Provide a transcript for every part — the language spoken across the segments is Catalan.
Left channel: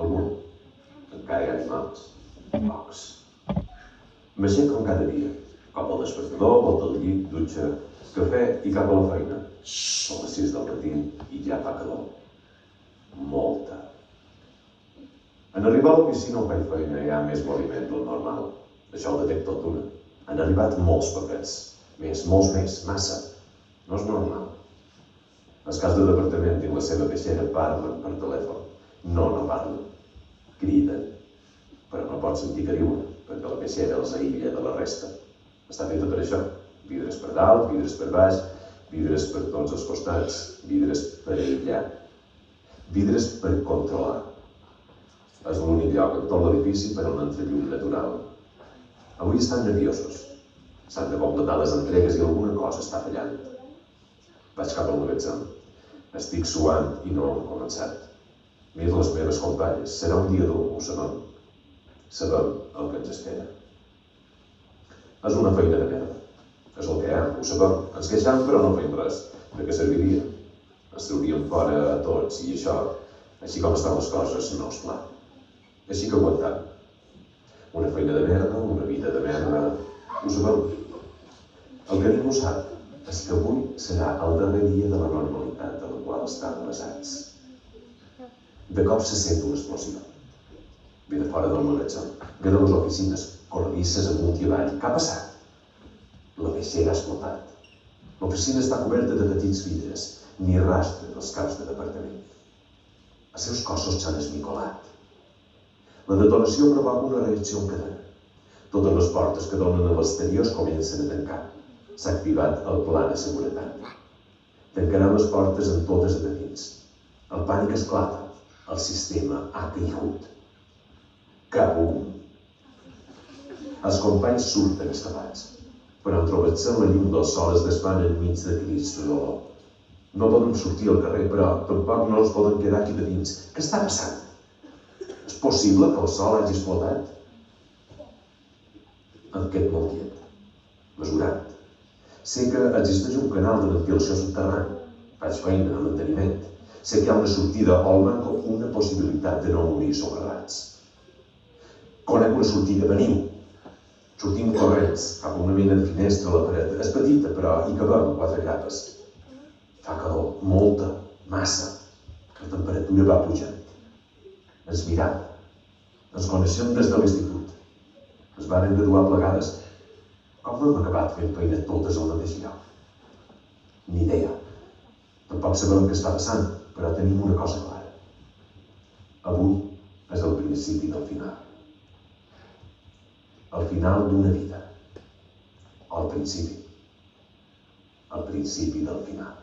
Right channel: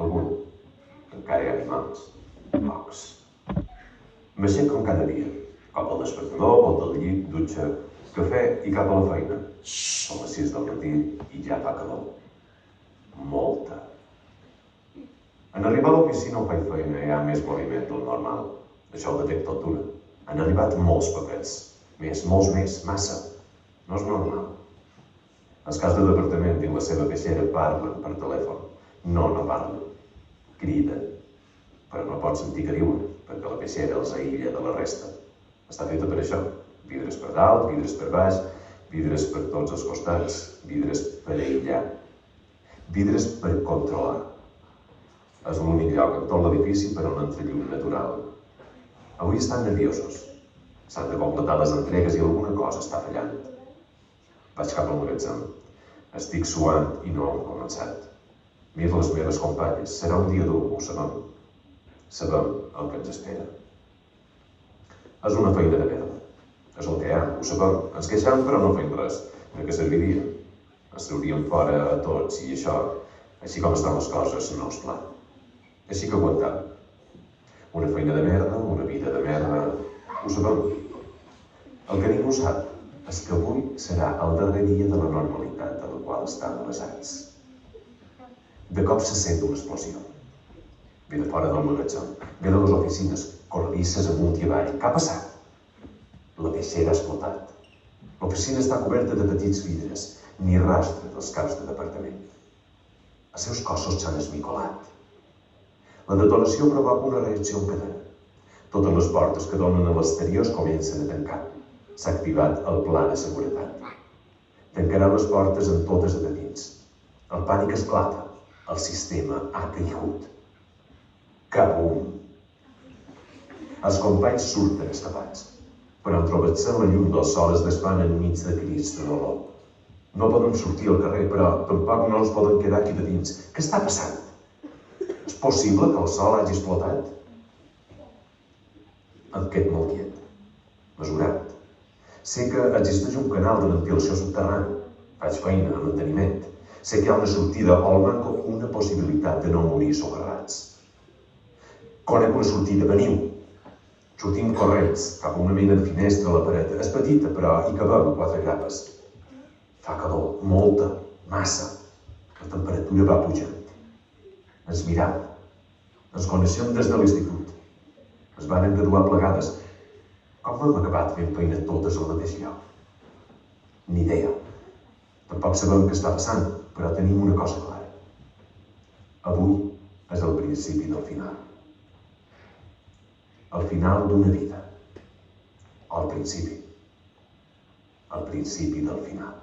Algú, encara hi ha animals, pocs. M'aixeco cada dia, cop al despertador, volta al llit, dutxa, cafè i cap a la feina. Són les 6 del matí i ja fa calor. Molta. En arribar a l'oficina on faig feina hi ha més moviment del normal. Això ho detecto tot d'una. Han arribat molts papers. Més, molts més, massa. No és normal. Els caps de departament i la seva caixera parlen per telèfon. No parlen. Criden. Però no pots sentir que diuen, perquè la caixera els aïlla de la resta. Està feta per això. Vidres per dalt, vidres per baix, vidres per tots els costats, vidres per aïllar, vidres per controlar. És l'únic lloc en tot l'edifici per on entra llum natural. Avui estan nerviosos. S'han de completar les entregues i alguna cosa està fallant. Vaig cap al magatzem. Estic suant i no hem començat. Miro les meves companyes. Serà un dia dur, ho sabem. Sabem el que ens espera. És una feina de merda. És el que hi ha, ho sabem. Ens queixem però no fem res. De què serviria? Ens trauríem fora a tots i això, així com estan les coses, no és clar. Així que aguantam. Una feina de merda, una vida de merda, ho sabem. El que ningú sap és que avui serà el darrer dia de la normalitat de la qual estan avasats. De cop se sent una explosió. Ve de fora del magatzem, ve de les oficines, corredisses amunt i avall. Què ha passat? La caixera ha explotat. L'oficina està coberta de petits vidres, ni rastre dels caps de departament. Els seus cossos s'han esmicolat. La detonació provoca una reacció en cadena. Totes les portes que donen a l'exterior es comencen a tancar. S'ha activat el pla de seguretat. Tancarà les portes en totes de dins. El pànic esclata. El sistema ha caigut. Cabum! Els companys surten escapats, però en trobar-se la llum del sol es desvan enmig de crits de dolor. No poden sortir al carrer, però tampoc no els poden quedar aquí de dins. Què està passant? És possible que el sol hagi explotat? Em quedo molt quiet, mesurat. Sé que existeix un canal de ventilació subterrani. Faig feina de manteniment. Sé que hi ha una sortida o almenys una possibilitat de no morir socarrats. Conec una sortida, veniu. Sortim corrents cap a una mena de finestra a la paret. És petita, però hi cabem 4 capes. Fa calor, molta, massa. La temperatura va pujant. Ens miram. Ens coneixem des de l'institut. Ens varen graduar plegades. Com hem acabat fent feina totes al mateix lloc? Ni idea. Tampoc sabem què està passant, però tenim una cosa clara. Avui és el principi del final. El final d'una vida. O el principi. El principi del final.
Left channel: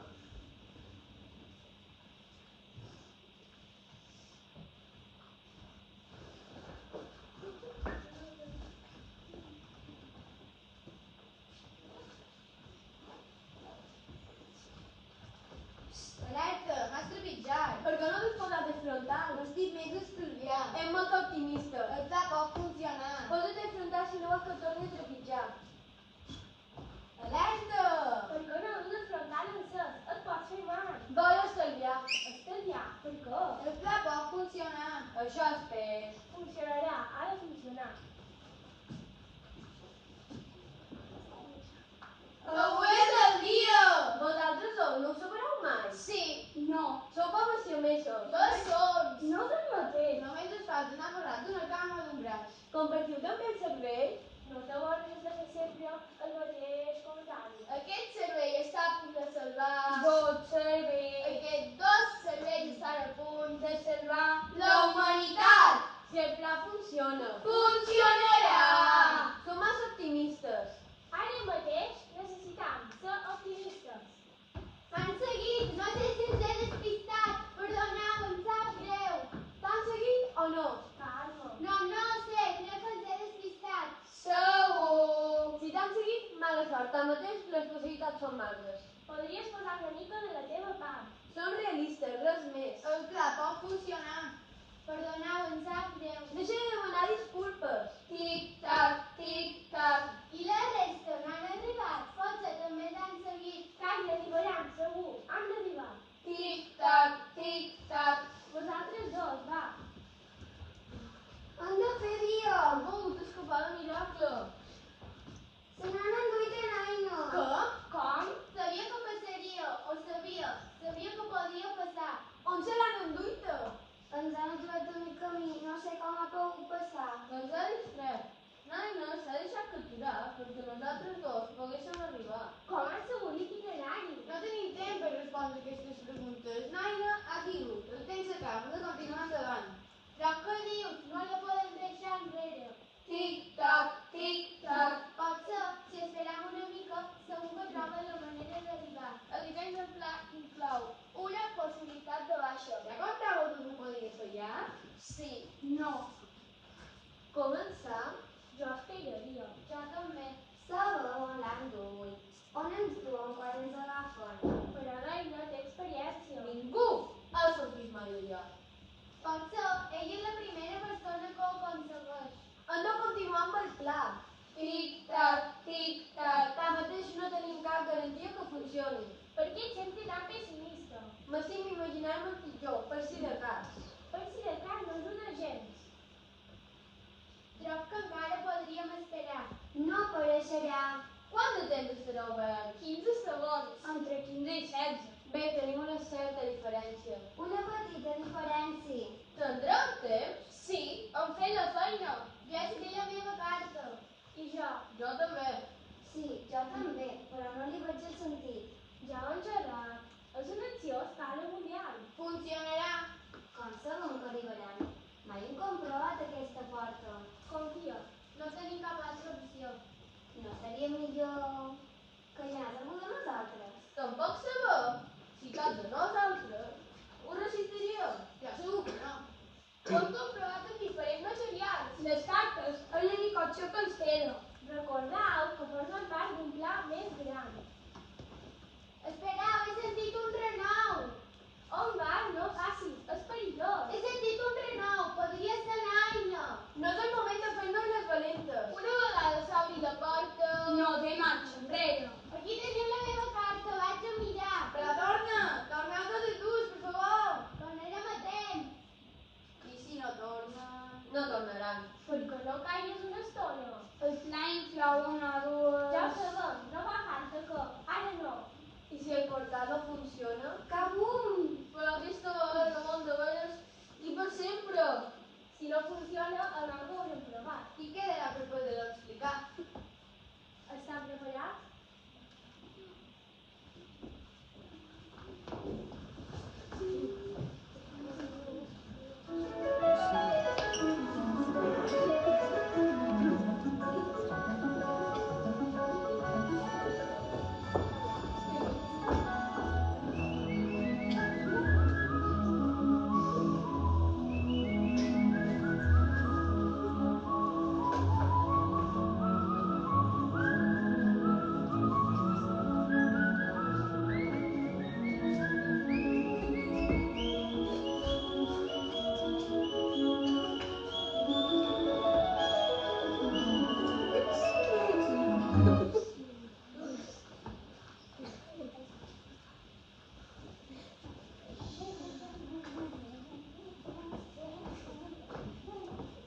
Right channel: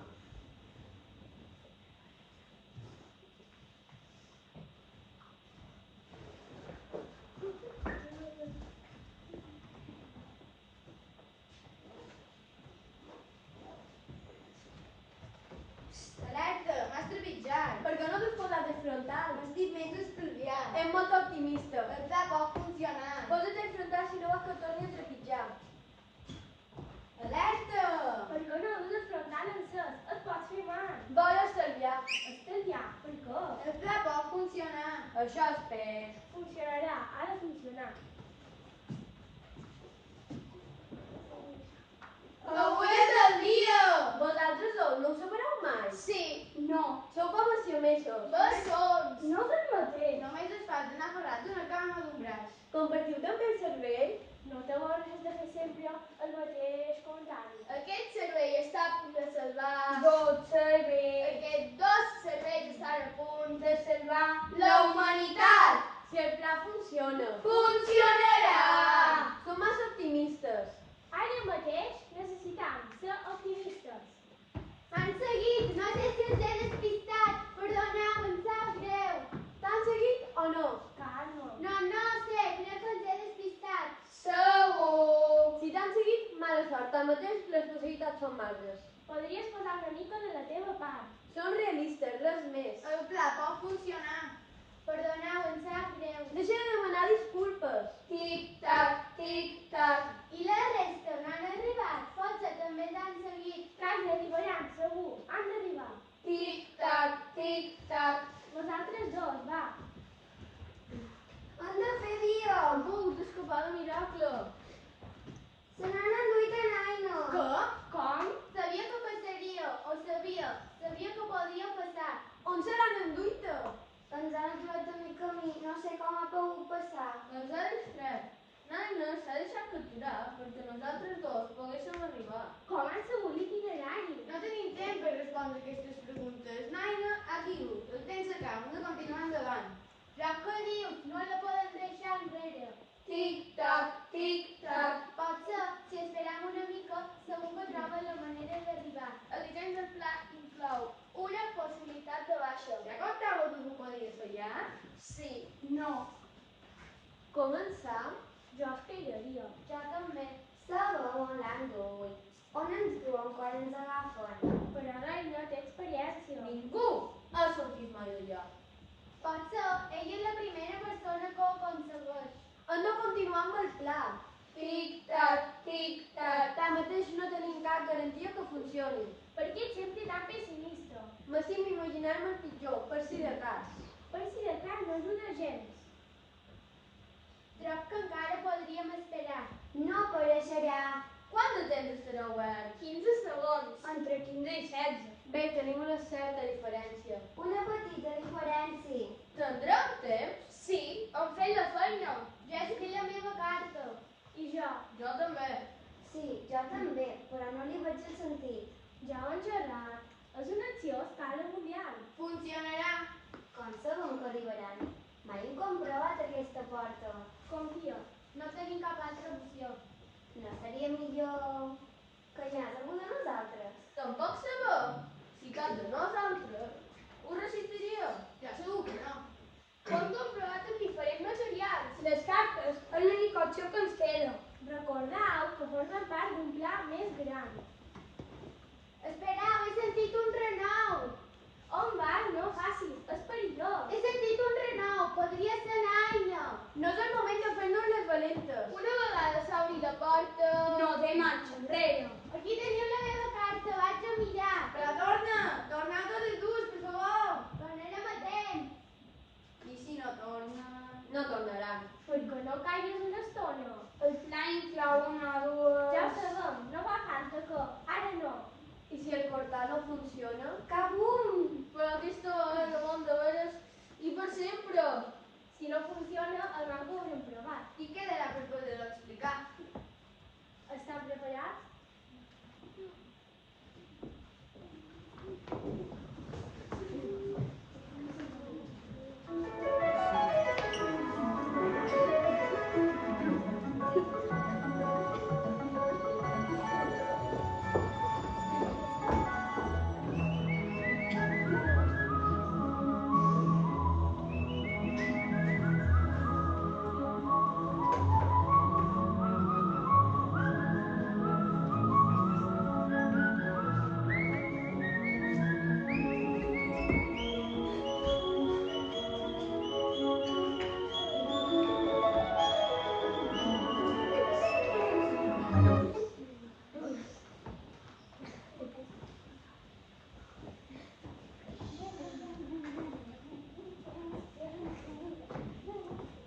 Alerta, m'has trepitjat. Per què no t'has posat de frontal? Estic més estalviat. És molt optimista. El pla pot funcionar. Posa't de frontal si no vols que et torni a trepitjar. Alerta! Per què no has de frontal encès? Et pots fer mal. Vol estalviar. Estalviar? Per què? El pla pot funcionar. Això és peix. Funcionarà, ha de funcionar. Avui és el dia! Vosaltres sou, no ho sabreu mai? Sí. No. Sou com els siomesos. Bessons. No és el mateix. Només es fa anar ferrat d'una cama o d'un braç. Compartiu també el cervell? No te vols de fer sempre el mateix contrari. Aquest cervell està a punt de salvar... Dos cervells. Aquests 2 cervells estan a punt De salvar la humanitat. Si el pla funciona. Funcionarà! Som massa optimistes. Ara mateix necessitam ser optimistes. Han seguit, no sé si els he despistat. Perdoneu, em sap greu. T'han seguit o no? Calma. No sé, crec que els he despistat. Segur! Si t'han seguit, mala sort. Tanmateix, les possibilitats són marges. Podries posar una mica de la teva part. Som realistes, res més. El pla pot funcionar. Perdoneu, em sap greu. Deixa de demanar disculpes. Tic-tac, tic-tac. I la resta no han arribat. Potser també t'han seguit. Quasi arribaran, segur. Han d'arribar. Tic-tac, tic-tac. Vosaltres dos, va. sé com ha pogut passar. Doncs ara és fred. Naina s'ha deixat capturar perquè nosaltres dos poguéssim arribar. Com han sabut itinerari? No tenim temps per respondre aquestes preguntes. Naina ha caigut. El temps s'acaba. Hem de continuar endavant. Però què dius? No la podem deixar enrere. Tic-tac, tic-tac. Potser, si esperem una mica, segur que troba la manera d'arribar. El disseny del pla inclou. Una possibilitat de baixa. Ja comptàveu que ho podries fallar? Sí, no. Començar? Jo esperaria. Jo també. Segon, l'any 8. On ens duen quan ens agafen? Però Naina té experiència. Ningú ha sortit mai d'allà. Potser ella és la primera persona que ho aconsegueix. Hem de continuar amb el pla. Tic-tac, tic-tac. Tanmateix no tenim cap garantia que funcioni. Per què ets sempre tan pessimista? M'estim imaginar-me el pitjor, per si de cas. Per si de cas no ajuda gens. Trob que encara podríem esperar. No, però serà Quant de temps estarà obert? 15 segons. entre 15 i 16. Bé, tenim una certa diferència. Una petita diferència. Tindrem temps? Sí, hem fet la feina. Ja escric la meva carta. I jo? Jo també. Sí, jo també, però no li veig el sentit. Ja ho he engegat. És una acció a escala mundial. Funcionarà. Com sabem que arribaran? Mai hem comprovat aquesta porta. Confia. No tenim cap altra opció. No seria millor que hi anés algú de nosaltres? Tampoc sabem si cap de nosaltres ho resistiria. Ja segur que no. Ho hem comprovat amb diferents materials. Les cartes és l'única opció que ens queda. Recordeu que formen part d'un pla més gran. Espereu, he sentit un renou. On vas? No facis, és perillós. He sentit un renou. Podria ser Naina. No és el moment de fer-nos les valentes. Una vegada s'obri la porta... No té marxa enrere. Aquí teniu la meva carta, vaig a mirar. Però torna! Torneu tots dos, per favor! Tornarem a temps. I si no torna? No tornaran. Perquè no caigues una estona. El pla inclou una o dues... Ja ho sabem, no fa falta que... Ara no. I si el portal no funciona? Cabum! Però aquesta vegada no món de veres i per sempre. Si no funciona, almenys ho haurem provat. I quedarà per poder-ho explicar. Estan preparats?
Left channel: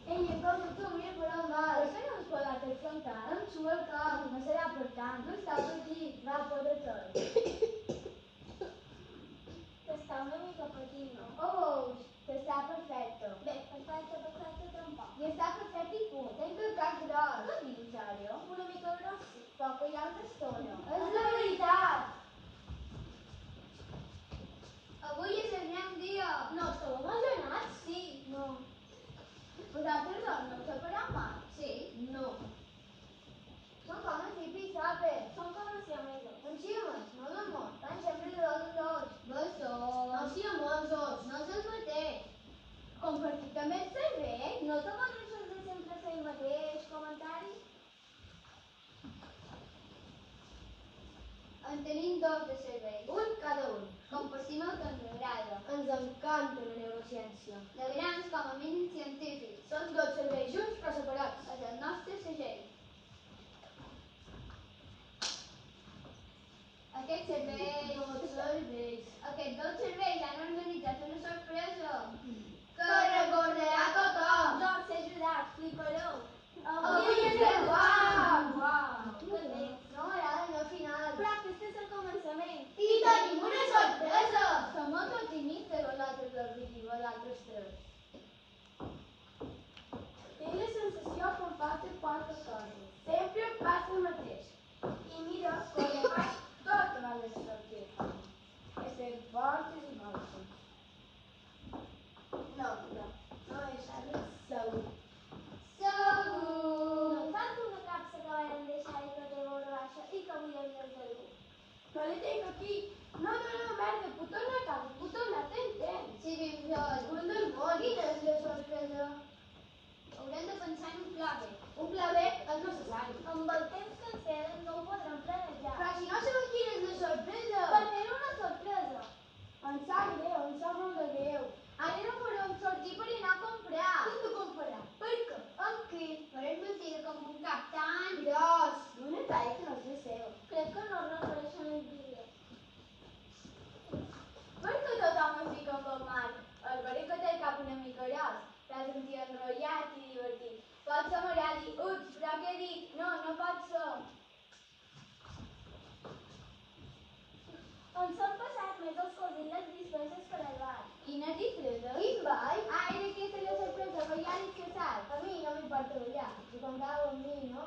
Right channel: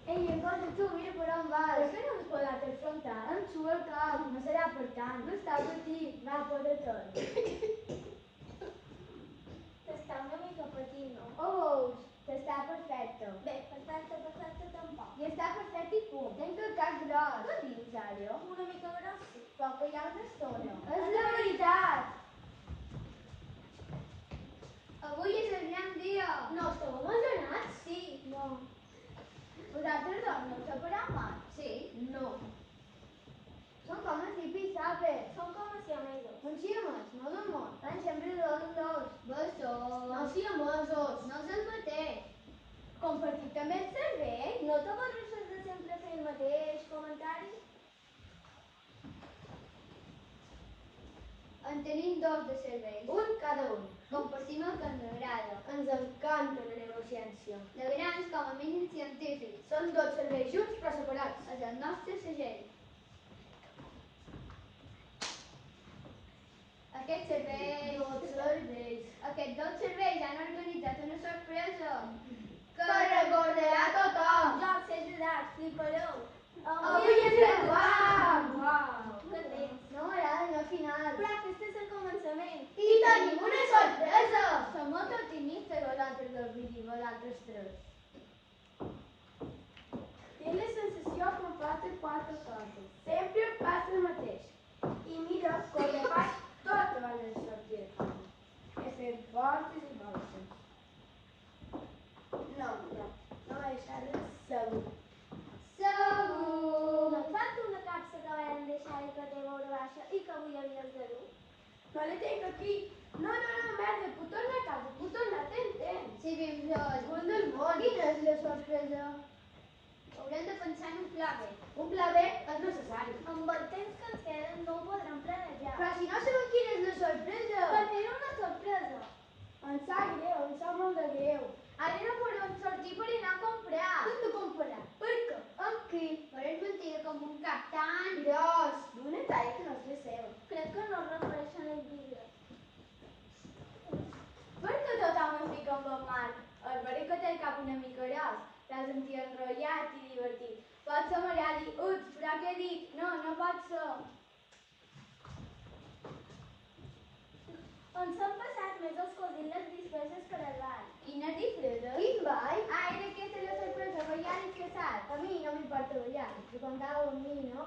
Ei, cosa tu, mira per on vas. Per què no ens pegat el frontal? Em surt el cap, no serà per tant. No està per aquí. Va, poder tot. T'està una mica patint, no? Oh, veus? Està perfecte. Bé, perfecte tampoc. I està perfecte i punt. Tenc el cap gros. Què dius, Ària? Una mica gros? Però que hi ha una estona. És la veritat. Avui és el gran dia. No esteu abandonats? Sí, no. Vosaltres dos no us separeu mai? Sí? No. Són com els hippies sapes. Són com els amigos. Un ximes, no d'amor. Van sempre de dos en dos. Bessos. No siamosos. No se'ls mateix. Compartit També et serveix? No t'avorreixes de sempre fer el mateix comentari? En tenim dos de serveis. Un cada un. Compartim el que ens agrada. Ens encanta la neurociència. De grans com a mínim científics. Són dos serveis junts però separats. És el nostre segell. Aquests dos serveis han organitzat una sorpresa que recordarà tothom. Jo els he ajudat, flipareu. Avui és el guam! Uau! Que bé. No m'agrada el final. Però aquest és el començament. I tenim una sorpresa! Som molt optimistes vosaltres dos i vosaltres tres. quatre coses. Sempre passa el mateix. I mira com ho faig totes les sortides. He fet voltes i voltes. No deixar segur. Segur. No et falta una capsa que vam deixar i que té molt baixa i que avui havies de dur? No la tinc aquí. No, merda, puc tornar a casa, puc tornar, tens temps. Sí, ben roig. Cul del món. Quina és la sorpresa? Haurem de pensar en un pla B. Un pla B és necessari. Amb el temps que ens queda no ho podrem planejar. Però si no sabem quina és la sorpresa. Per mi una sorpresa. Em sap greu, em sap molt de greu. Ara no podem sortir per anar a comprar. Què hem de comprar? Per què? Amb qui? Per és mentida com un cap tan gros. D'una talla que no és la seva. Crec que no es refereixen al vídeo. Per què tothom es fica amb el Marc? El verí que té el cap una mica gros. T'has sentit enrotllat i divertit. Pot ser m'agradi. Ups, però què he dit? No, no pot ser. On s'han passat més els cosins les disfresses per al bar? Quines disfresses? Quin ball? Ah, era aquesta la sorpresa, ballar disfressat. A mi no m'importa ballar, si comptava amb mi, no?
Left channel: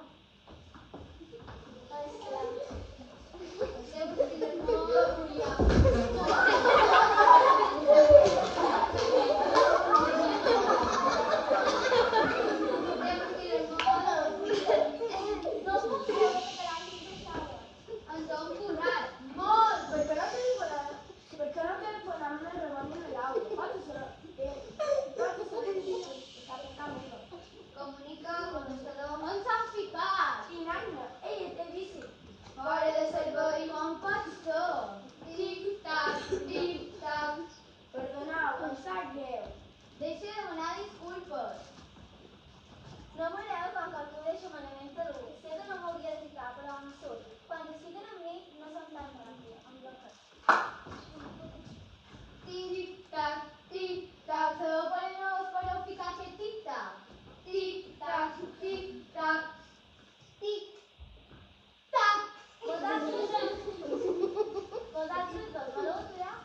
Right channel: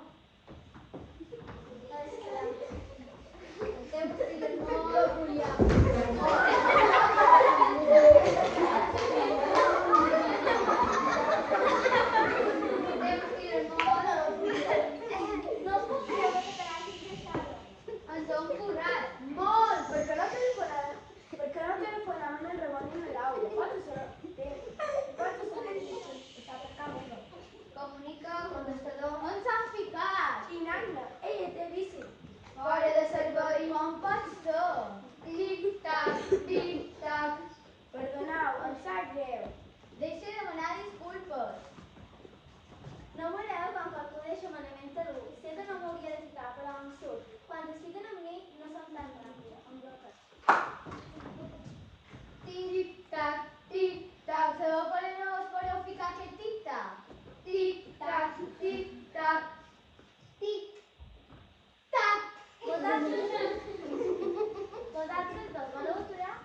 Estem vestits molt brillant. No puc creure que te l'hagis deixada. Ens ho hem posat. Molt! Per què no telefonàvem al Ramon i a Laura? Pots ser... Està per cá meva. Comunica amb el estador. On s'han ficat? I Naina, ella té bici. Fora de servei, com pots ser? Tic-tac, tic-tac. Perdoneu, em sap greu. Deixa de demanar disculpes. No voleu com que tu deixa manament a dur. Sé que no m'hauria de ficar, però em surt. Quan es fiquen amb mi, no són tan ràpids. Em bloques. Tic-tac, tic-tac. Sabeu per no us podeu ficar aquest tic-tac? Tic-tac, tic-tac. Tic-tac. Vosaltres dos voleu aturar?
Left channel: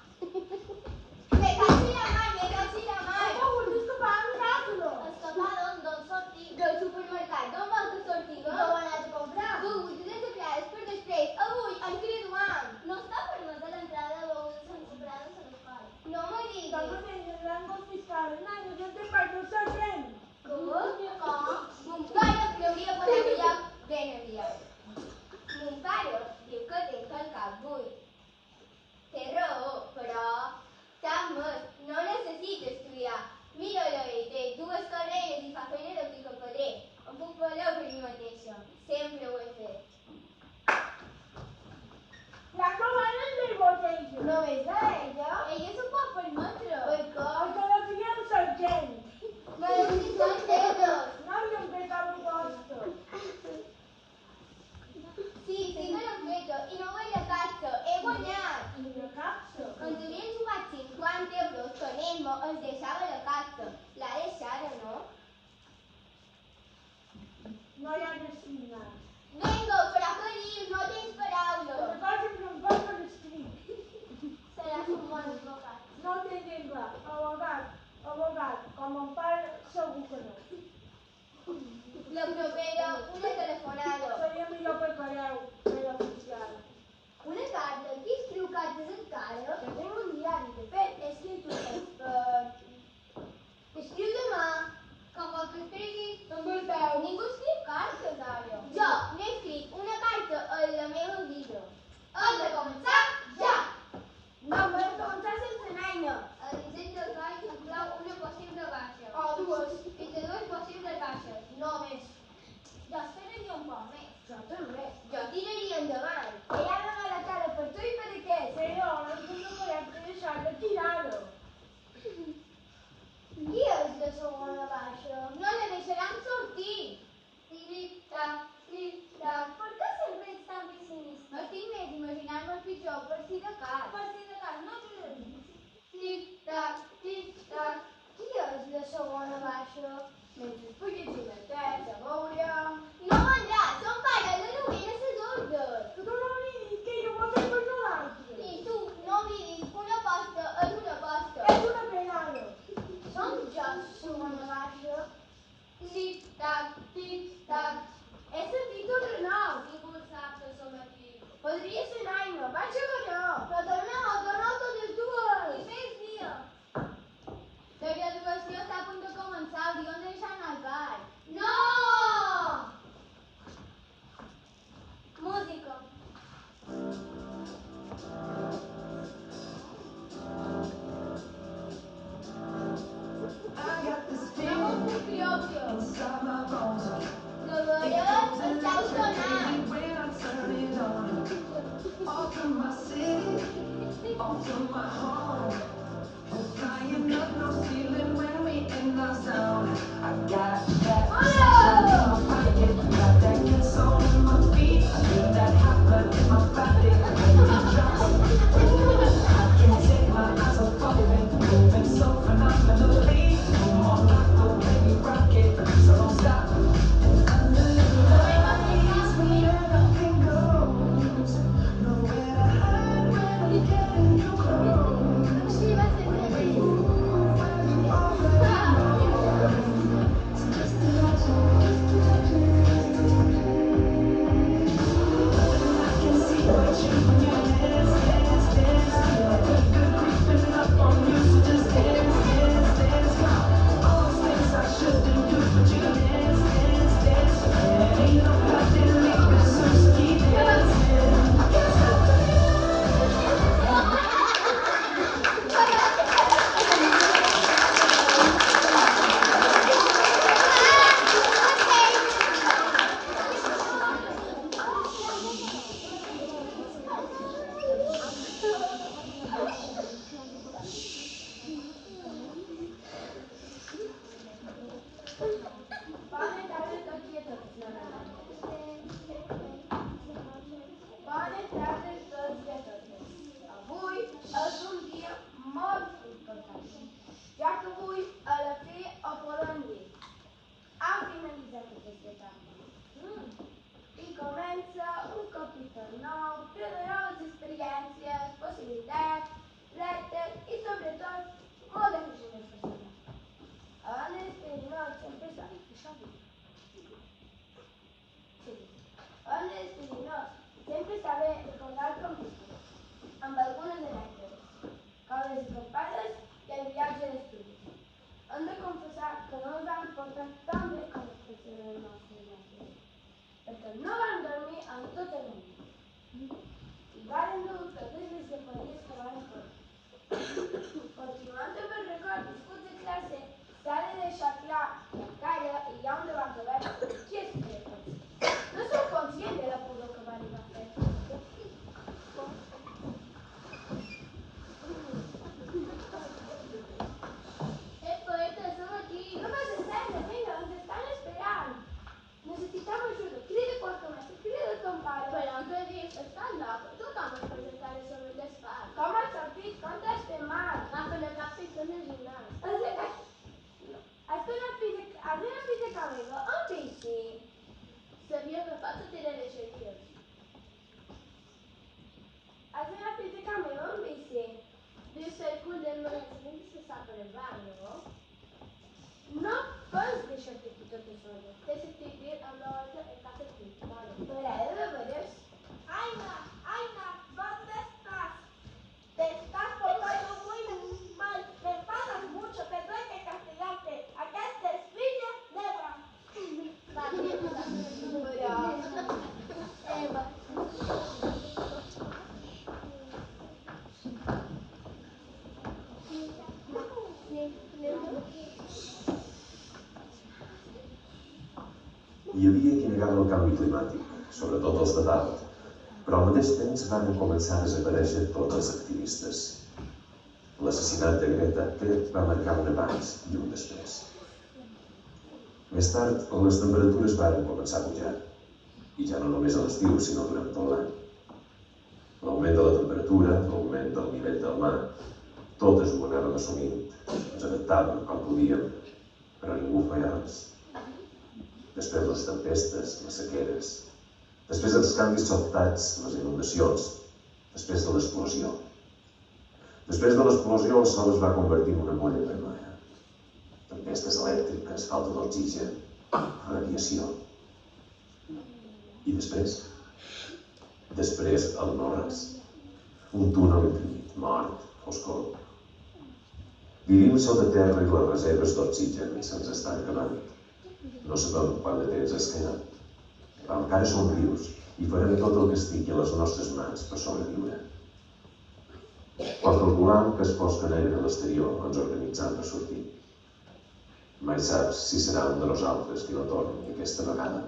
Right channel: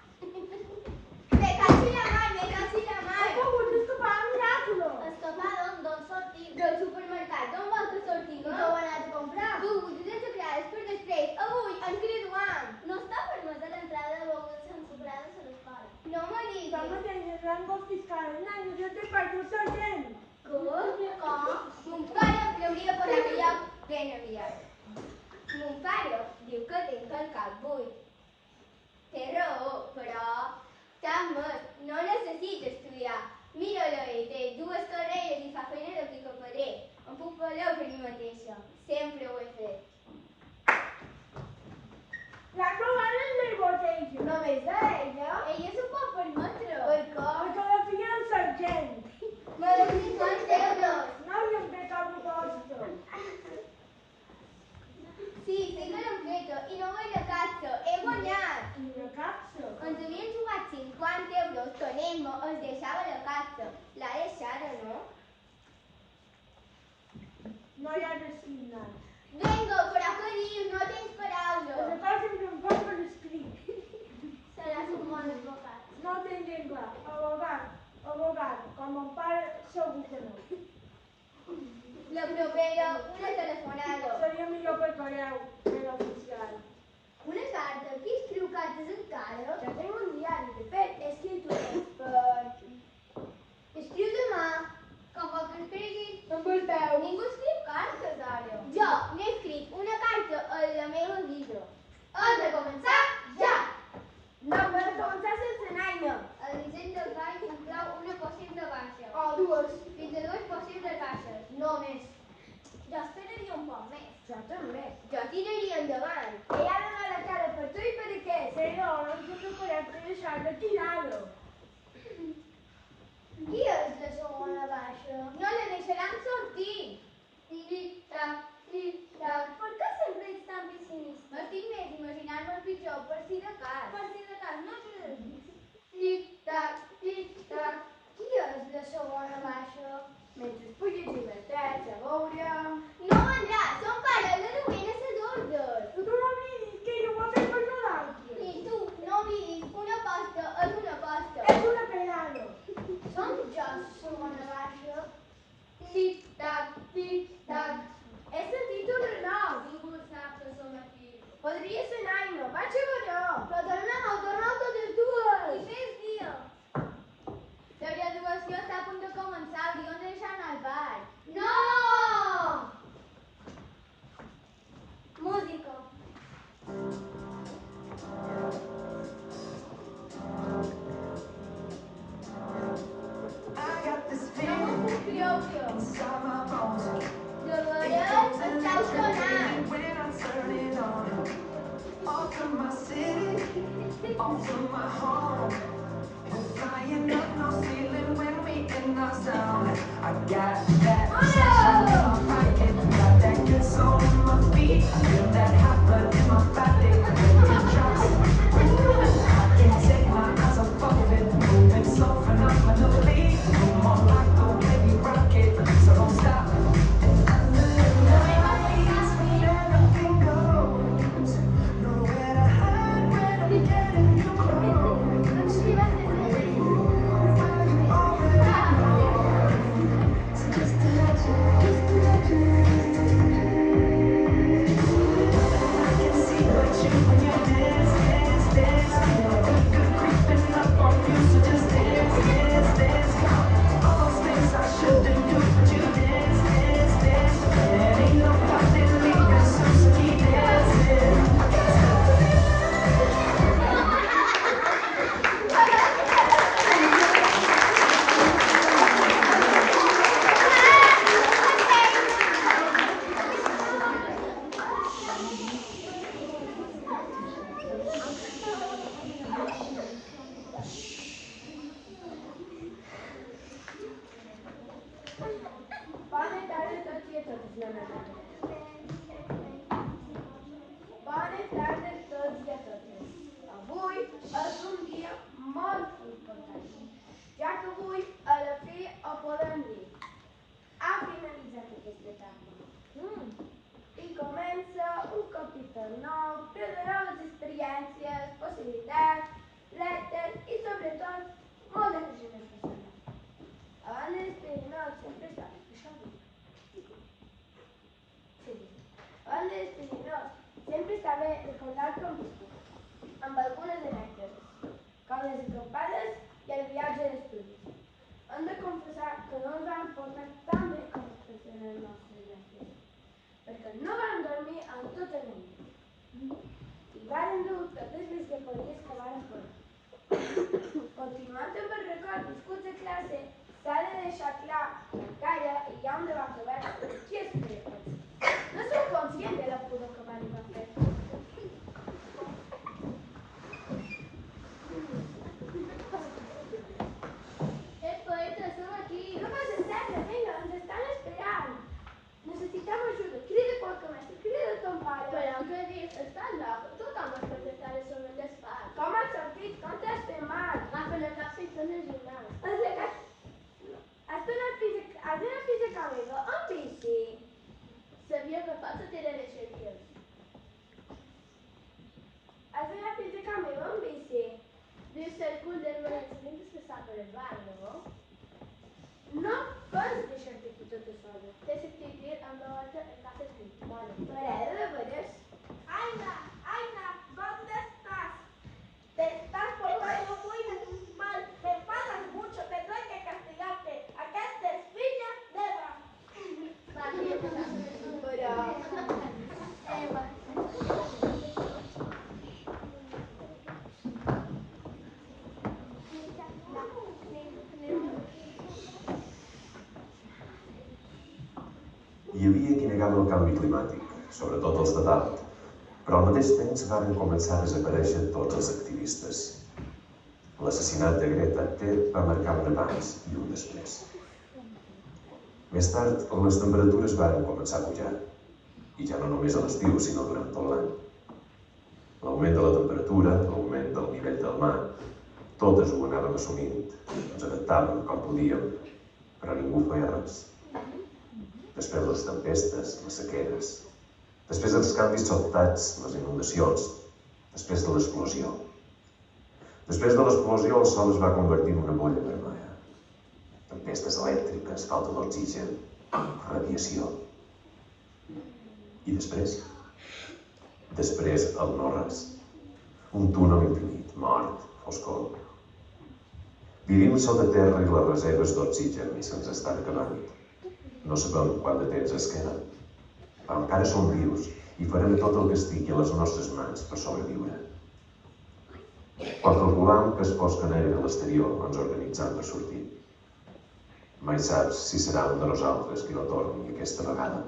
Me cachi la mar, me cachi la mar. He pogut escapar un miracolo. Escapar d'on sortim? Del supermercat. D'on vols que sortim? Que ho he anat a comprar. Begudes ensucrades per després. Avui ens graduam. No està permesa l'entrada de begudes ensucrades a l'escola. No m'ho diguis. Estamos en el rango fiscal. Naina, yo te parto sargent. Com? Mon pare creuria per el lloc ben aviat. Mon pare diu que tinc el cap buit. Té raó, però... Tant més, no necessito estudiar. Mira-la, té dues carreres i fa feina de picapedrer. Em puc valer per mi mateixa. Sempre ho he fet. La comanda és del botella. Només ella? Ella s'ho pot permetre. Per què? Perquè la filla del sargent. Me deu 50 euros. No li hem fet cap proposta. Sí, sí que l'hem feta. I no vull la caixa. He guanyat. Quina capsa. Ens havien jugat 50 euros que l'Emma es deixava la caixa. L'ha deixada, no? No hi ha designat. Vinga, però què dius? No tens La paraules. cosa que no em pot per escrit. Seràs un bon advocat. No t'entenc clar. Abogat. Com mon pare, segur que no. La propera, una telefonada. Seria millor per correu, per l'oficial. Una carta? Qui escriu cartes encara? Ja tinc un diari, de fet, he escrit Per... Escriu demà. Com el que escriguis. amb el peu. Ningú escriu cartes ara. Jo n'he escrit una carta a la meva vida. Hem de començar ja! No, per començar sense Naina. A l'incent del coll s'inclou una possible baixa. O dues. Fins a dues possibles baixes, no més. Jo esperaria un poc més. Jo també. Jo tiraria endavant. Ella ha donat la cara per tu i per aquest. Però no ens hem de correcte deixar de tirar-ho. Qui és la segona baixa? No la deixaran sortir. Tic-tac, tic-tac. Per què sempre ets tan pessimista? M'estic més imaginant-me el pitjor, per si de cas. Per si de cas, no te l'he dit. Tic-tac, tic-tac. Qui és la segona baixa? Mentre puc llegir la testa, veurem... No vendrà, són pares de novena a les ordres. Tu no m'oblidis que jo ho he fet per nosaltres. I tu, no oblidis, una aposta és una aposta. És una penada. Som jo, segona baixa. Tic-tac, tic-tac. He sentit un renou. Ningú sap que som aquí. Podria ser Naima. Vaig a veure. Però torneu totes dues! I fes dia. La graduació està a punt de començar, hauríem de deixar anar al bar. No! Música. No m'ho puc creure. De veres, estàu sonant. Bona tarda a tots i a totes, novament. Bona tarda a tots i a totes. Avui és un dia molt important, ja que avui a la fi ho podem dir. Ha finalitzat aquesta etapa. I comença un capítol nou, ple de noves experiències, possibilitats, reptes i sobretot molt de creixement personal. Abans de despedir-nos sempre està això. Sí. Abans de despedir-nos sempre està bé recordar com amb algunes anècdotes, com les escampades i el viatge d'estudi. Hem de confessar que no ens vam portar tan bé com es pensen els nostres mestres, perquè no vam dormir en tota la nit. I varen dur totes les llepories que van fora. Continuant amb el record viscuts de classe, s'ha de deixar clar que encara hi ha un debat obert sobre qui és cregut. No sou conscient de la pudor que van va fer. Poeta, som aquí. No vas estendre, vinga, ens estan esperant. Necessitem ajuda, crida qualque mestre, crida ton pare. Però què dius? Estàs loca? Tothom es pot estar a sobre el despatx. Com has sentit? Com t'has fet mal? Agafa la capsa i fem els gimnàs. Has anat fins a casa meva amb bici. Sabia que fa tot eren eixeries. Has anat fins a casa meva amb bici. Deu ser el cul del magatzem que s'està per el bar, no? No pots deixar-te aquí tota sola. T'he sentit dir amb la volta en casa de tu. Vale. M'agrada de veres. Aina, ¿dónde estás? Te estás portando muy mal, te pagas mucho, tendré que castigarte. Acá es filla negra. Hi havia qui negava el canvi climàtic, sobretot els de dalt, però al mateix temps van començar a desaparèixer tots els activistes. L'assassinat de Greta Thunberg va marcar un abans i un després. Més tard, les temperatures van començar a pujar, i ja no només a l'estiu, sinó durant tot l'any. L'augment de la temperatura, l'augment del nivell del mar, totes ho anàvem assumint, ens adaptàvem com podíem, però ningú feia res. Després les tempestes, les sequeres, després els canvis sobtats, les inundacions, després de l'explosió. Després de l'explosió el sol es va convertir en una bolla vermella. tempestes elèctriques, falta d'oxigen, radiació. I després? Després el no-res. Un túnel infinit, mort, foscor. Vivim sota terra i les reserves d'oxigen i se'ns estan acabant. No sabem quant de temps es queda. Encara som vius i farem tot el que estigui a les nostres mans per sobreviure. Quan calculam que es posa negre a l'exterior, ens organitzem per sortir. Mai saps si serà un de nosaltres qui la torni aquesta vegada.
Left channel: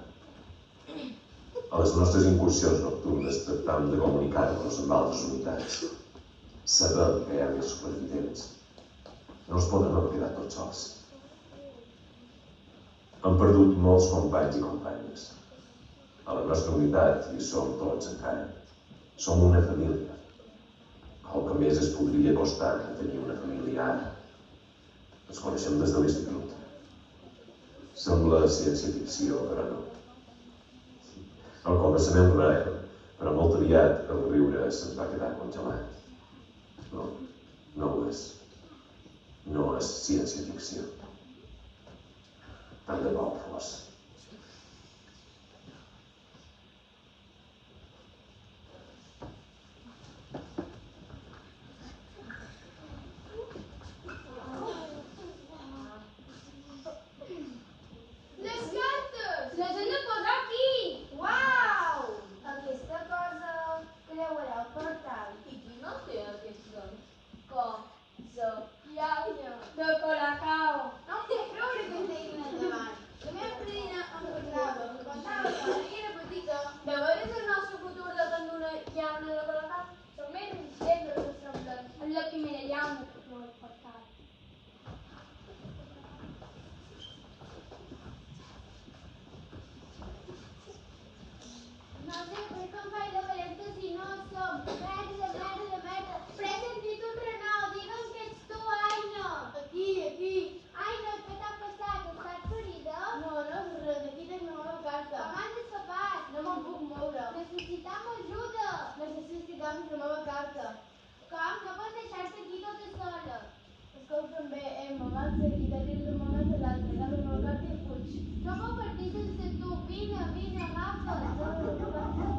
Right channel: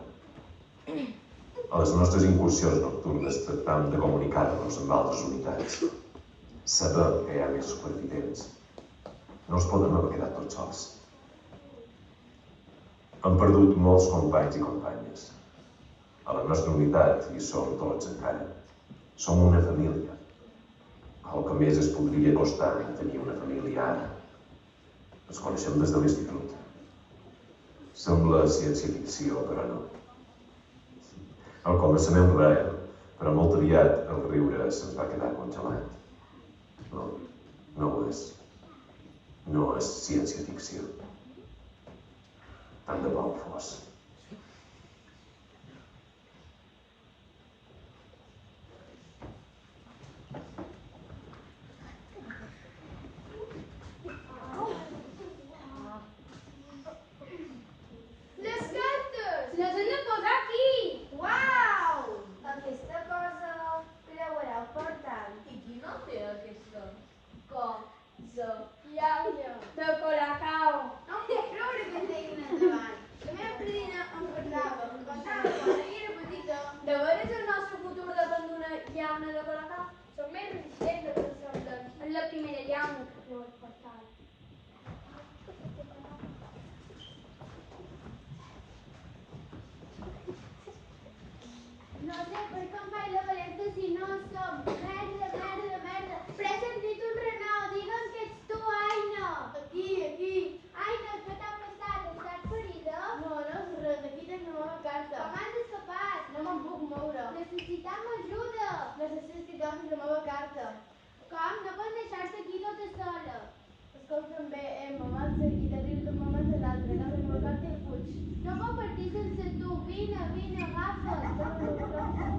A les nostres incursions nocturnes tractam de comunicar-nos amb altres unitats. Sabem que hi ha més supervivents. No ens podem quedar tots sols. Hem perdut molts companys i companyes. A la nostra unitat hi som tots encara. Som una família. El que més es podria costar tenir una família ara. Ens coneixem des de l'institut. Sembla ciència-ficció, però no. Al començament res, però molt triat el riure se'ns va quedar congelat. No ho és. No és ciència-ficció. Tant de bo fos. Les cartes! Les hem de posar aquí! Uau! Aquesta cosa creurà el portal. I qui no té aquesta Llauna de Colacao. No em puc creure que en tinguin endavant. La meva padrina em parlava, em contava quan era petita. De veres el nostre futur depèn d'una llauna de Colacao? Som més resistents del que ens semblen. És la primera llauna que treu el portal. No sé per com faig de valenta si no som. Merda. Però he sentit un renou. Digue'm que ets tu, Aina. Aquí. Aina, què t'ha passat? Estàs ferida? No és res, aquí tinc la meva carta. Com has escapat? No me'n puc moure. Necessitam ajuda. Necessito canvi la meva carta. Com? No pots deixar-te aquí tota sola. Escolta'm bé, me van seguir de dins de moment de l'altre, agafa la meva carta i fuig. No puc partir sense tu. Vine, agafa't. Agafa la meva carta i fuig.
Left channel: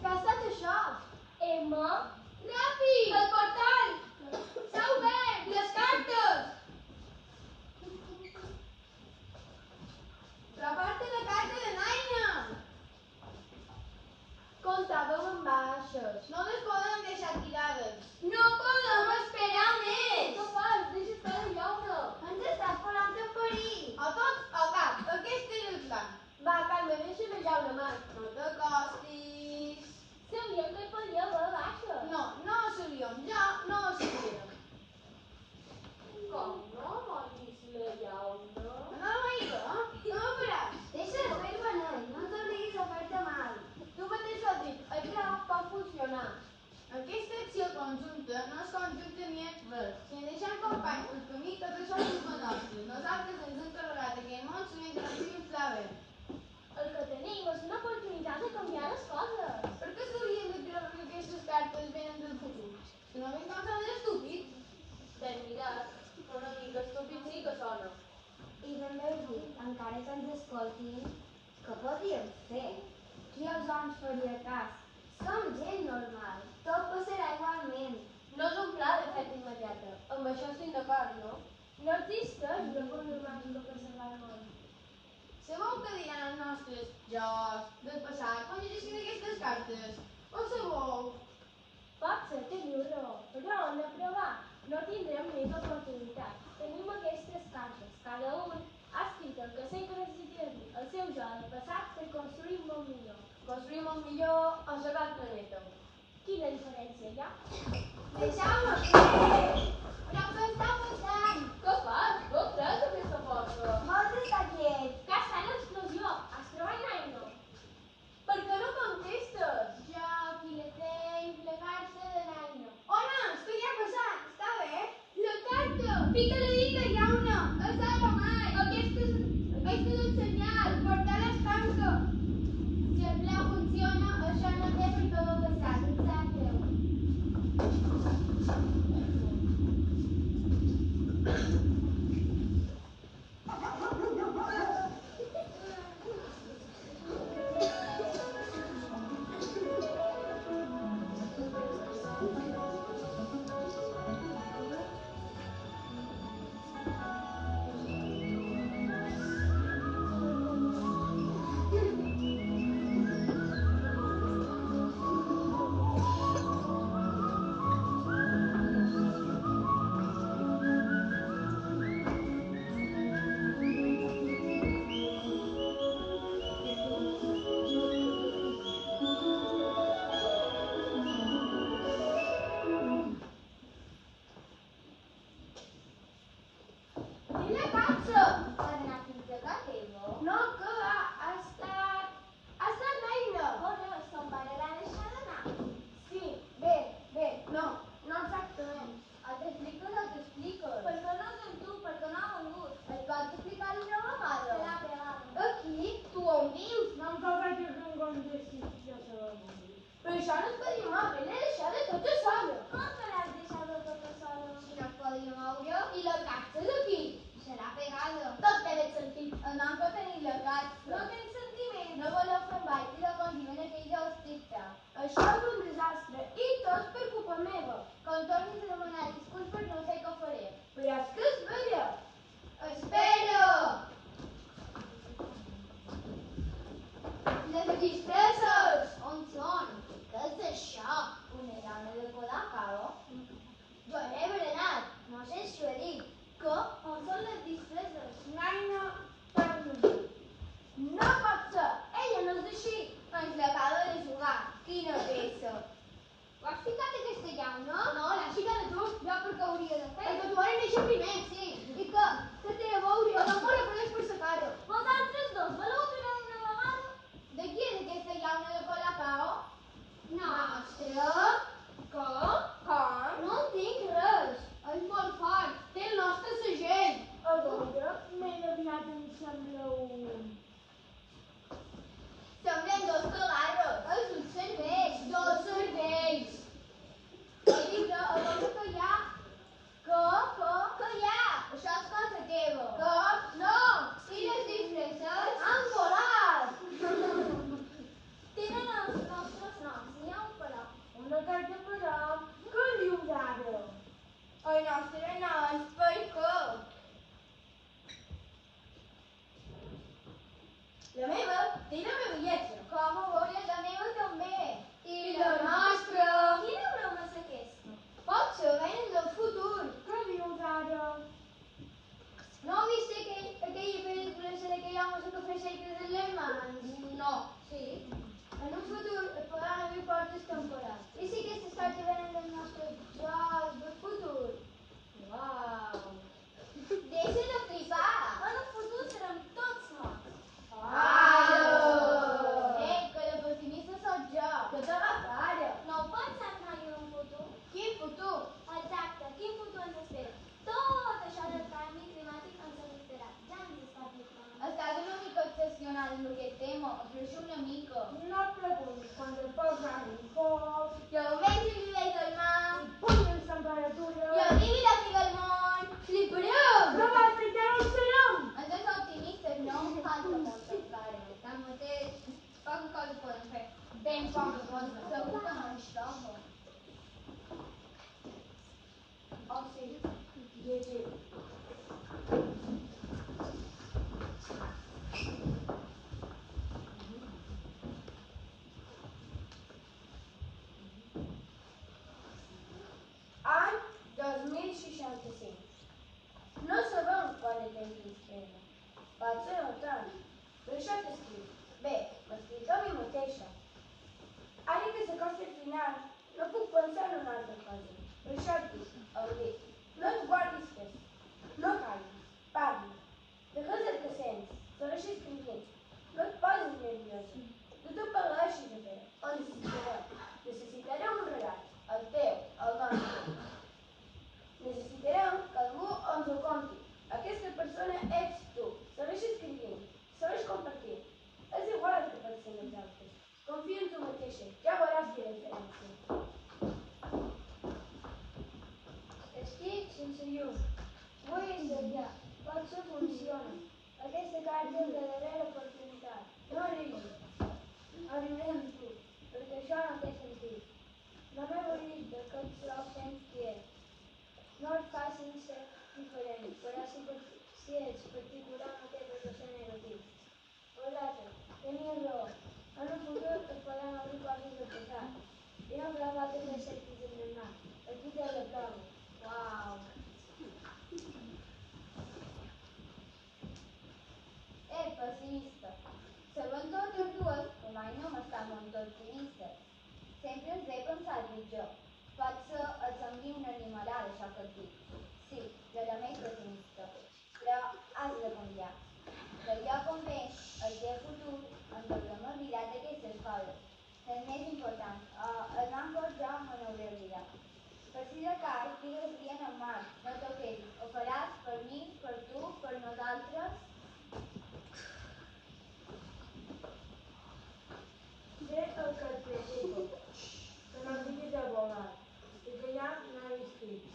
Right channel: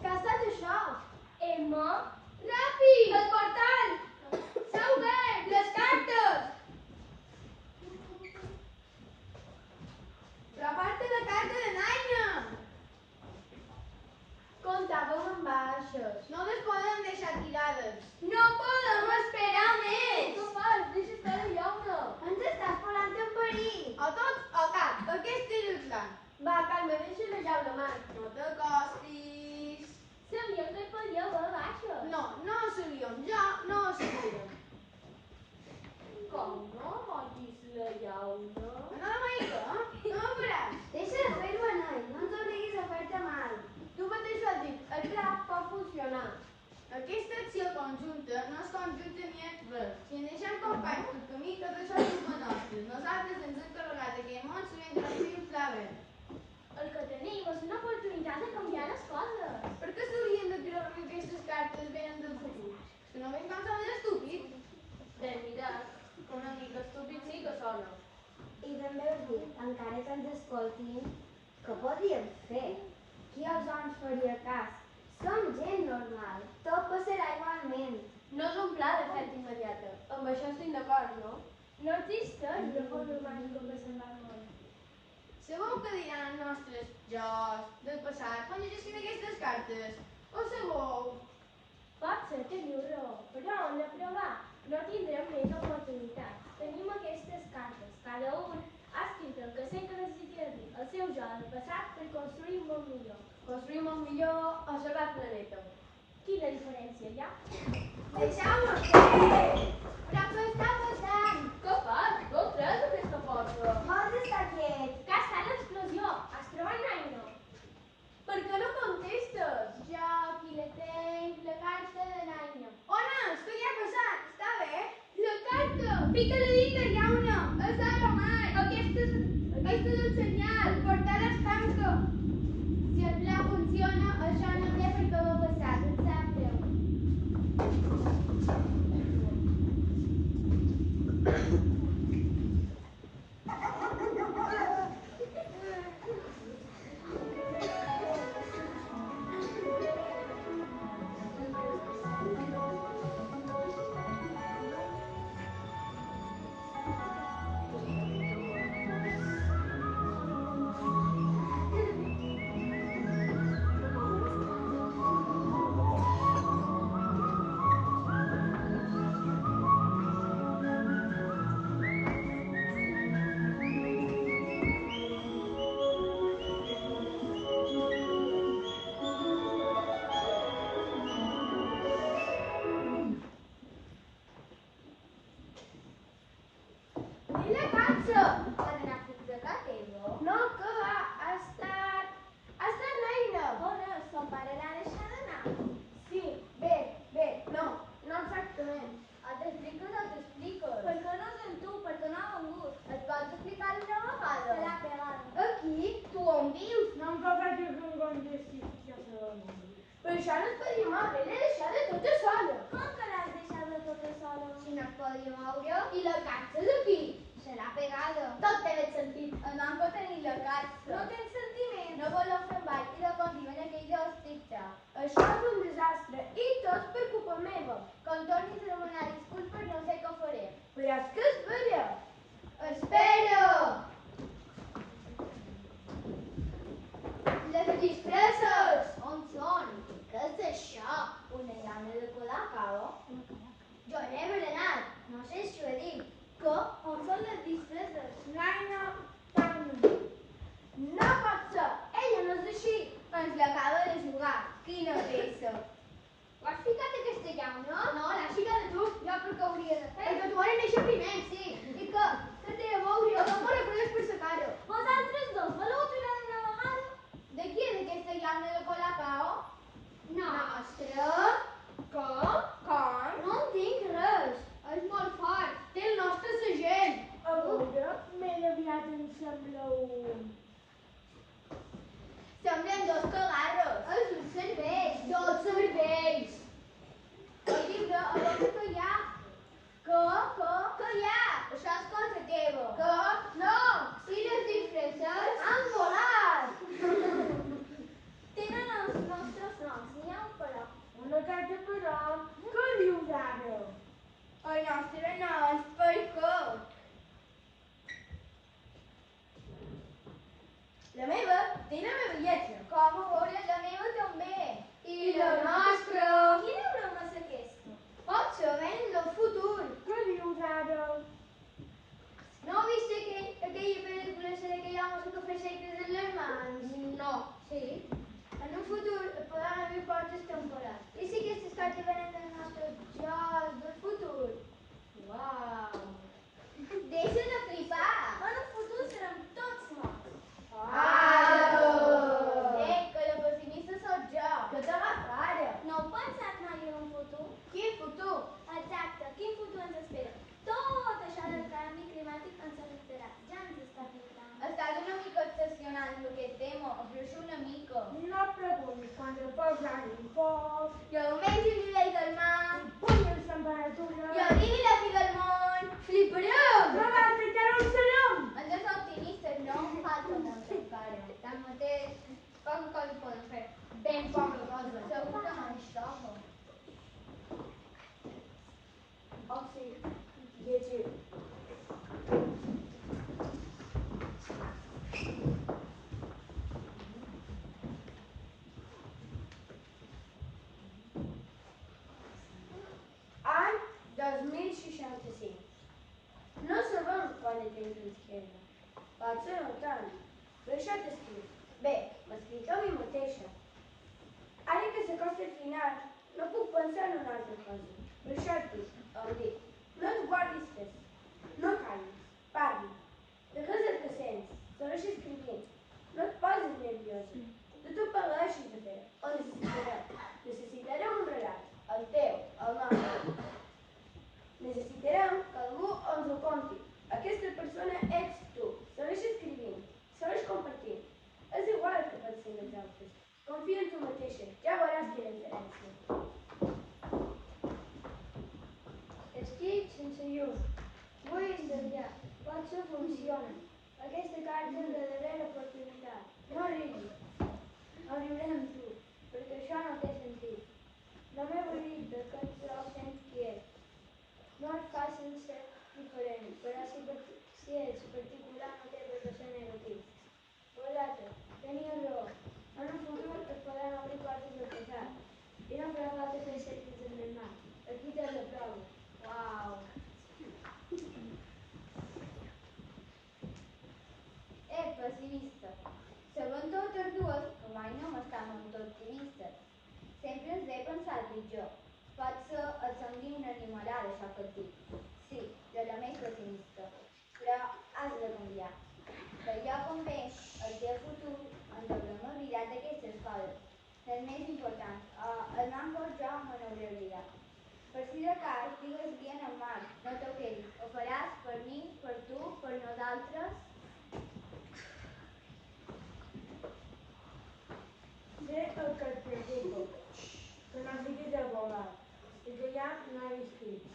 Què ha estat això? Emma? Ràpid! El portal! S'ha obert! Les cartes! Però porta la carta de Naina! Comptàvem amb baixes. No les poden deixar tirades. No podem esperar més! Què fas? Deixa estar la llauna. Ens estàs posant en perill. O tots o cap. Aquest és el plan. Va, Carme, deixa la llauna mà. No t'acostis. Sabíem que et podia haver baixes. No ho sabíem. Jo no ho sabia. Com no moguis la llauna? No m'aigua, no m'ho faràs. Deixa de fer-ho, Anai. No ens obliguis a fer-te mal. Tu mateix ho has dit, el pla pot funcionar. Aquesta acció conjunta no és conjunta ni és res. Si ens deixem companys pel camí, tot això és culpa nostra. Nosaltres ens hem carregat aquell món sabent que la vida està bé. El que tenim és una oportunitat de canviar les coses. Per què s'haurien de creure que aquestes cartes venen del futur? Si no veig com són estúpids. Ben mirat, una mica estúpid sí que sona. I ben bé dir, encara que ens escoltin, què podríem fer? Qui els ens faria cas? Som gent normal, tot passarà igualment. No és un pla de fet immediata. Amb això estic d'acord, no? No existeix una forma màgica per salvar el món. Sabeu què diran els nostres jocs del passat quan llegissin aquestes cartes? Ho sabeu? Pot ser que diu raó, però hem de provar. No tindrem més oportunitats. Tenim aquestes cartes. Cada un ha escrit el que sé que necessita dir, el seu jo del passat per construir un món millor. Construir un món millor o salvar el planeta. Quina diferència hi ha? Deixeu-me fer! Però què està passant? Què fas? No el treus aquesta força. Vols estar quiet? Que està l'explosió. Has trobat l'aigua? Per què no contestes? Jo aquí la té. Pica-li dita, llauna! És el romà! Aquesta és el senyal! Portar l'estanca! Si el pla funciona, això no té per què va passar. Exacte. Quina cansa? Poden anar fins a casa teva? No, que va, ha estat l'Aina. On és? Son pare l'ha deixat anar. Sí, bé, no exactament. T'expliques o t'expliques? Per què no sent tu? Per què no ha vengut? Et pots explicar una Se vegada? l'ha pegat. Aquí? Tu on vius? No em toca dir que em contestis, ja se va morir. Però això no es podia moure, l'he deixada tota sola. Com que l'has deixat tota sola? Si no es podia moure. I la casa és aquí? Serà pegada. Tot té ben sentit. El nom que tenim la casa. No tens sentiment. No voleu fer un ball i la continuen aquells dos tic-tac. Això és un desastre i tot per culpa meva. Quan tornis a demanar disculpes no sé què faré. Però és que és bella. Espera! Les disfresses! On són? Què és això? Una llana de Colacao? Jo n'he berenat. No sé si ho he dit. Que? On són les disfresses? L'Aina parla. No pot ser, ella no és així. Ens l'acaba de jugar. Quina peça. Ho has ficat aquesta llauna? No, l'has ficat tu. Jo per què hauria de fer? Perquè tu ara néixer primer, sí. I que té a veure, jo no me la coneix per sa cara. Vosaltres dos voleu aturar una vegada? De qui és aquesta llauna de Colacao? Nostra? Que? Com? No entenc res. És molt fort. Té el nostre segell. A veure, més aviat em sembla un... Semblen dos cagarros. És un cervell. Dos cervells. El llibre, a veure què hi ha. Què hi ha? Això és cosa teva. Que? No. I les disfresses? Han volat. Tenen els nostres noms, n'hi ha un però. Una carta però... Què dius ara? El nostre no és per què? La meva? Té la meva lletra. Com ho veure la meva també. I la nostra. Quina broma és aquesta? Pot ser, venen del futur. Què dius ara? No heu vist aquella pel·lícula d'aquell home que fa sectes en les mans? No. Sí. En un futur es podran obrir portes temporals. I si aquestes cartes venen del nostre jo del futur? Uau. Deixa de flipar. En el futur serem tots morts. Que la pessimista sóc jo. Que t'agafa ara. No heu pensat mai en un futur? Quin futur? Exacte, quin futur ens espera? Tot això del canvi climàtic ens afectarà. Ja ens està afectant. Estàs una mica obsessionat amb aquest tema, però és una mica. No preguntis quan te posen un foc, Jo menjo el nivell del mar, punyes temperatura... jo arribi la fi del món, flipareu! Però basta, que no ho serem! Ens és optimistes, no? Falta molta encara. Tanmateix, poca cosa poden fer. Ben poca cosa. Segur que no ens toca. Oh, sí, llegir. Any 2065. No sabem quan de temps ens queda. Potser no tant, però això t'escriu. Bé, m'escric a mi mateixa. Ara que s'acosta el final, no puc pensar en una altra cosa. Per això et dic, em dic, no et guardis res, no callis, parli. Digues el que sents, segueix escrivint. No et posis nerviosa. No t'ho pagueixis de fer. O necessitarem un regal. El teu, el nostre. Necessitarem que algú ens ho et trobo sent quiet. No és fàcil ser diferent, però si ets particular no té per què ser negatiu. Vosaltres, teniu raó. En el futur es podran obrir coses del passat. I no farà falta fer cercles en el mar. Aquí tens la prova. Uau! Pessimista. Segons totes dues, que mai no m'està molt optimista. Sempre ens ve pensar el pitjor. Potser et sembli una animalada això que et dic. Sí, jo també soc pessimista. Però has de canviar. D'allò com ve el teu futur, ens haurem oblidat d'aquestes coses. Les més importants. El banc jo me n'hauré oblidat. Per si de cas, digues-li en Marc, no t'ho quedis. Ho faràs per mi, per tu, per nosaltres. Sé el que et preocupa, que no siguis abogat i que ja no hi estic.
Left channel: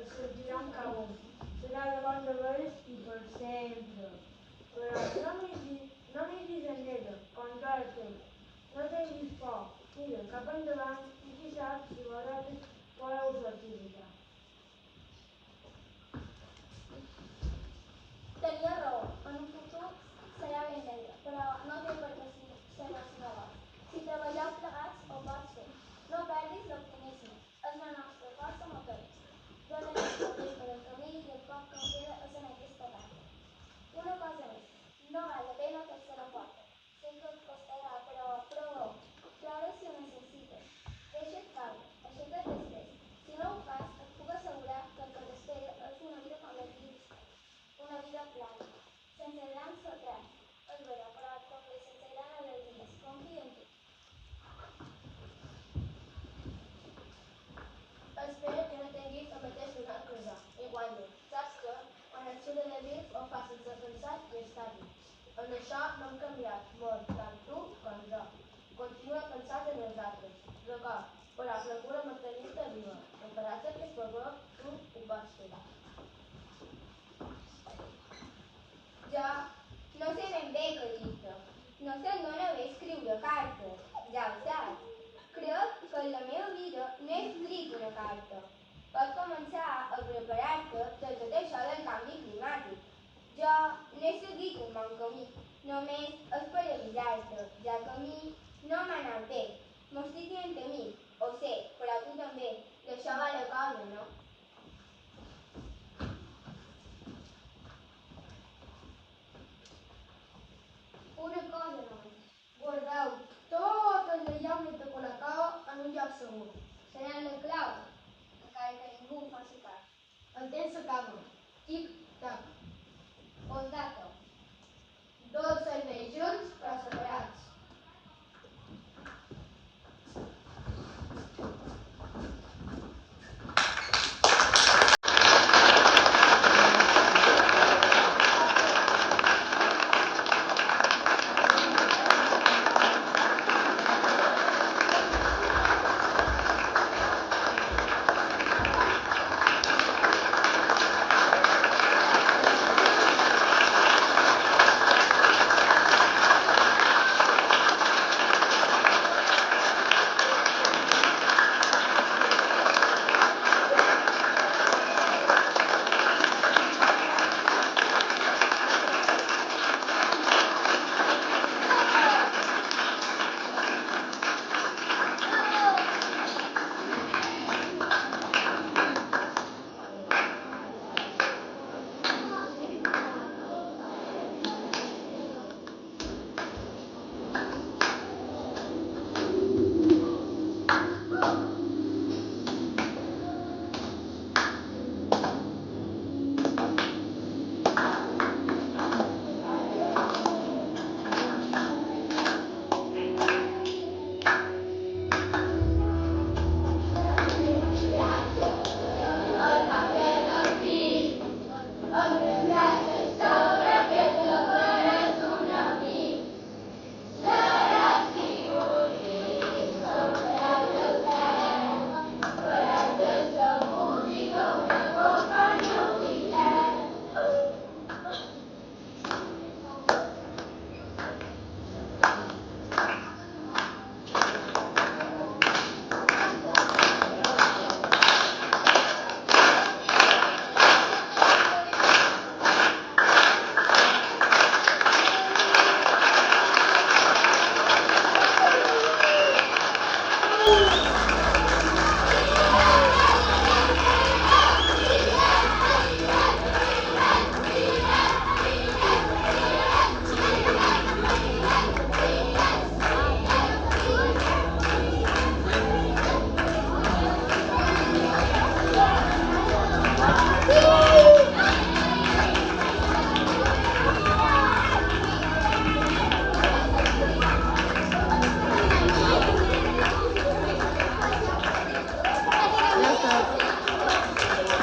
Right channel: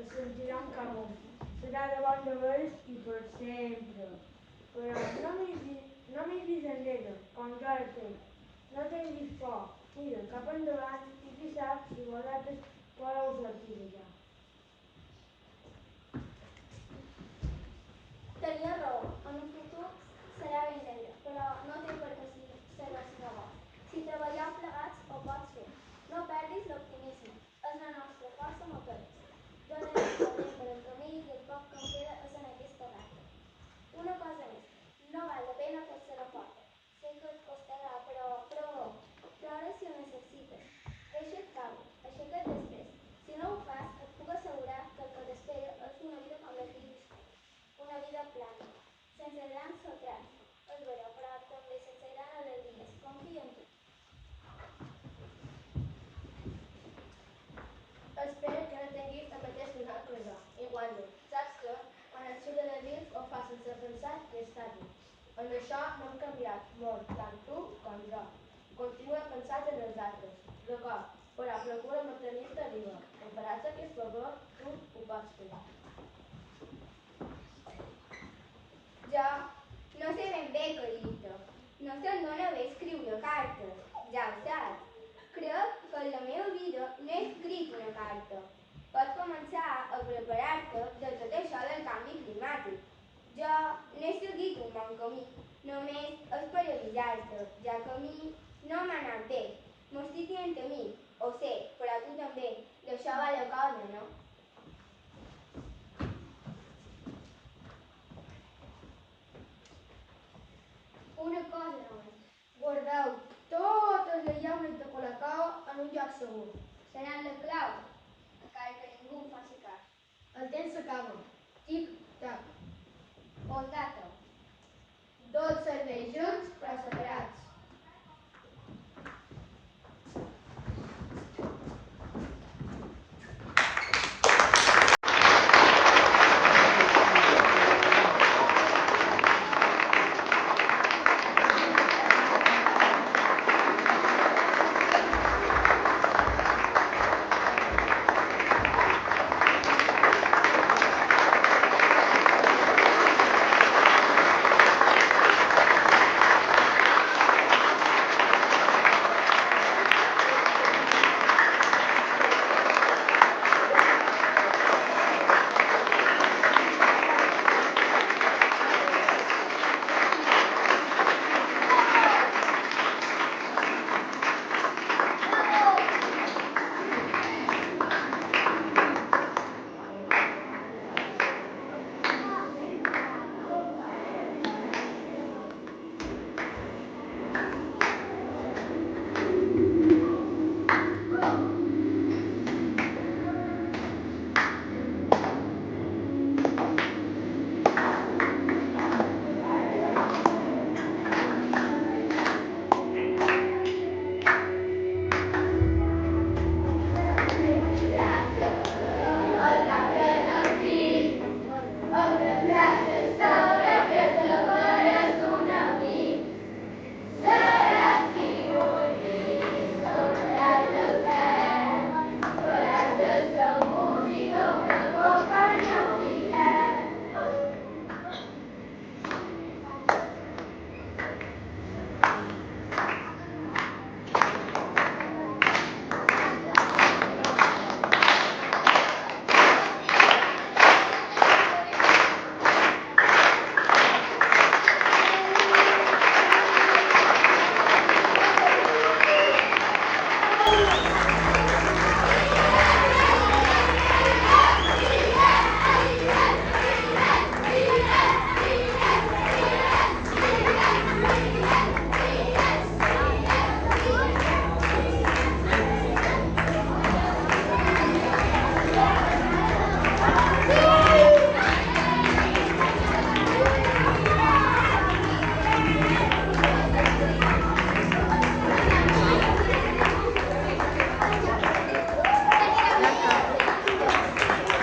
Es sentiran com un. Serà de bon de veres i per sempre. Però no miris enrere, com jo he fet. No tinguis por, mira cap endavant i qui sap si vosaltres podeu sortir d'allà. Tenia raó, en un futur serà ben negre, però no té per què ser els robots. Si treballeu plegats ho pots fer. No perdis l'optimisme, és la nostra força motora. Donem el temps per el camí i el poc que em queda és en aquesta carta. Una cosa més, no val la pena fer-se la porta. Sé que et costarà, però plora si ho necessites. Deixa't caure, aixeca't després. Si no ho fas, et puc assegurar que el que t'espera és una vida com les vius. Una vida plana, sense grans sotracs, és vera, però també sense grans alegries. Confia en tu. Espero que no tinguis el mateix final que jo. Igualment, saps que quan et surt de dins ho fas sense pensar i estar-hi. En això no hem canviat molt, tant tu com jo. Continua pensant en els altres, d'acord, però procura mantenir-te viva. Ho faràs d'aquest favor, tu ho pots fer. Jo no sé ben bé què dir-te. No se'm dóna bé escriure cartes, ja ho saps. Crec que en la meva vida no he escrit una carta. Pots començar a preparar-te de tot això del canvi climàtic. Jo n'he seguit un bon camí, només és per avisar-te, ja que a mi no m'ha anat bé. M'ho estic dient a mi, ho sé, però a tu també. D'això va la cosa, no?